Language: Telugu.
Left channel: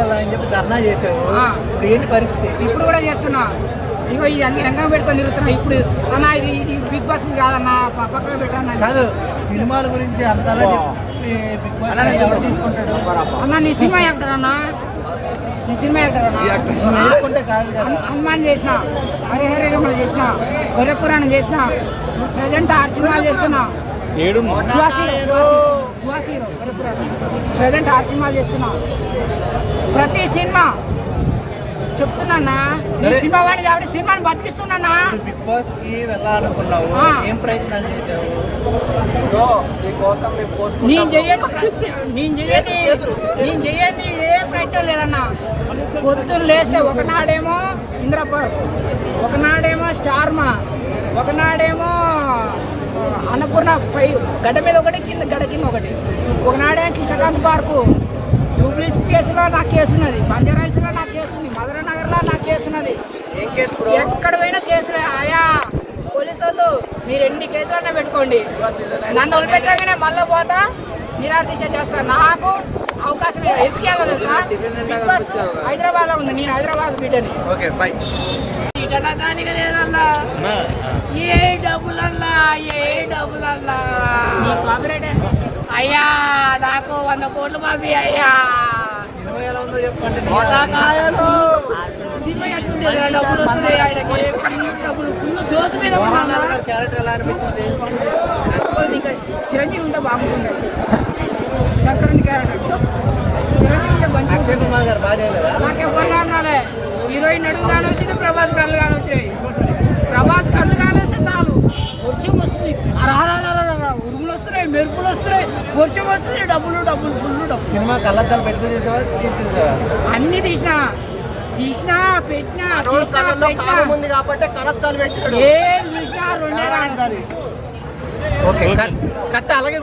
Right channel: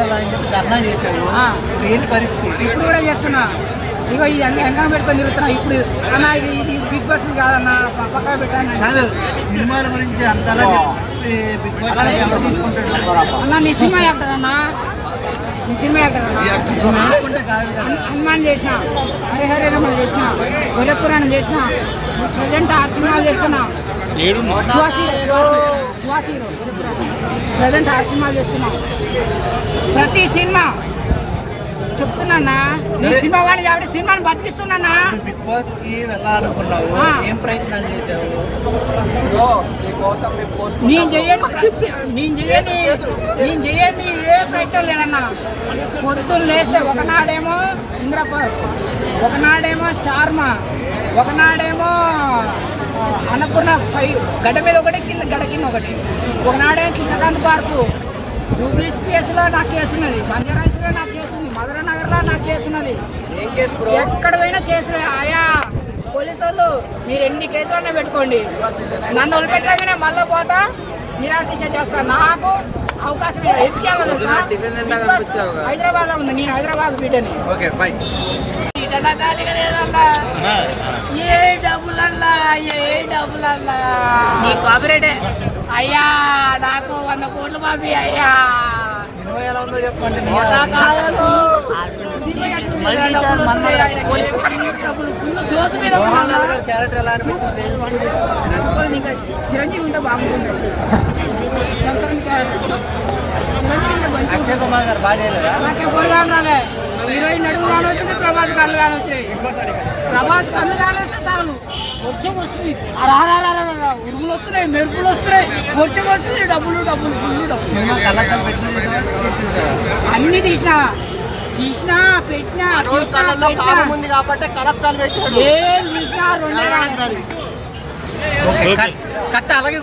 కదా అని చెప్పి ధర్నా. ఇప్పుడు ఏంటి పరిస్థితి. ఇప్పుడు కూడా చేస్తున్నా. ఇగో ఇది అన్ని ఎంగం పెట్టుకొని తిరుగుతున్నా. ఇప్పుడు అన్న ఇది ఇది బిగ్ బాస్ కాదన్న ప- పక్కన పెట్టాను కాదు సినిమాల గురించి అంతలా బిగ్ బాస్ ఎవరు తీసుకుంటాడు అన్న నీ సినిమా యాక్టరన్నా నీ సినిమా యాక్టరన్నా హనుమాన్ చేసిన. హరిహర రమణ చేసిన. గొర్రెపురాణం చేసిన. ప్రజెంట్ ఆరు సినిమాలు చేస్తున్నా. ఏడు సువాసి ప్రజెంట్ ఆరు సినిమాలు చేస్తున్నా. ప్రతి సినిమా చెప్తున్నా నేను సినిమా వాడి కాబట్టి సినిమాని బతికిస్తున్నానా ఇప్పుడు బిగ్ బాస్కి వెళ్ళాలనుకున్నావు. ఏం ప్రయత్నాలు చేసావు నేను ప్రశ్న నేను చెయ్యని. నేను చెయ్యని ఏ ప్రయత్నం లేదన్నా. పొద్దున్న లేస్తే ఒకనాడేమో ఇంద్రప ఒకనాడేమో స్టార్మా ఒకనాడేమో అన్నపూర్ణ పై గడ్డ మీద ఒకటి కింద గడ్డ కింద ఒకటి. ఒకనాడేమో కృష్ణకాంత్ పార్కు జూబ్లీ స్పేస్లో నా కేసు ఉన్నది బంజారాయిల్స్లో నా కేసు ఉంది మధుర నగర్లో నా కేసు ఉన్నది. ఎక్కడ పోయినా కేసులు ఆయా పోలీసు వాళ్ళు మీరు ఎన్ని కేసులన్నా పెట్టుకోండి. నన్ను వదిలిపెట్టగానే మళ్ళీ పోతా నిరాదీక్ష చేస్తా. నాకు అవకాశం లేదు. ఎందుకు హైదరాబాద్ ఉంది నేను హైదరాబాద్ బిడ్డని. ఏ డబ్బులల్లా? అయ్యా నాకు వంద కోట్లు పంపి అయ్యా. సినిమా ఎలా ఉందో చెప్పండి. సినిమా ఎట్లుంది? ఏదైనా డబ్బులు వస్తున్నాయి డబ్బులు. ఫుల్ మీద చిరంజీవి ఉంటే బాగుంటుంది. శంకరుని క్యారెక్టర్. అక్షయ్ కుమార్ గారు బాగా చేయలేదా నాకు ఎవరుగా ఉండాలి హీరోయిన్ నడుము కానీ వచ్చింది ప్రభాస్ కళ్ళు కానీ వచ్చినాయి ప్రభాస్ వస్తున్నాయి మెరుపులు వస్తున్నాయి. వర్షం వస్తుంది డబ్బులు డబ్బులు ఫుల్ డబ్బులు. అన్ని తీసినా. తీసినా పెట్టినా తీసినా పెట్టినా. కాబట్టి పెట్టి ఏం తీసినా రెండే కానీ ఓకే కట్. కట్ అలాగే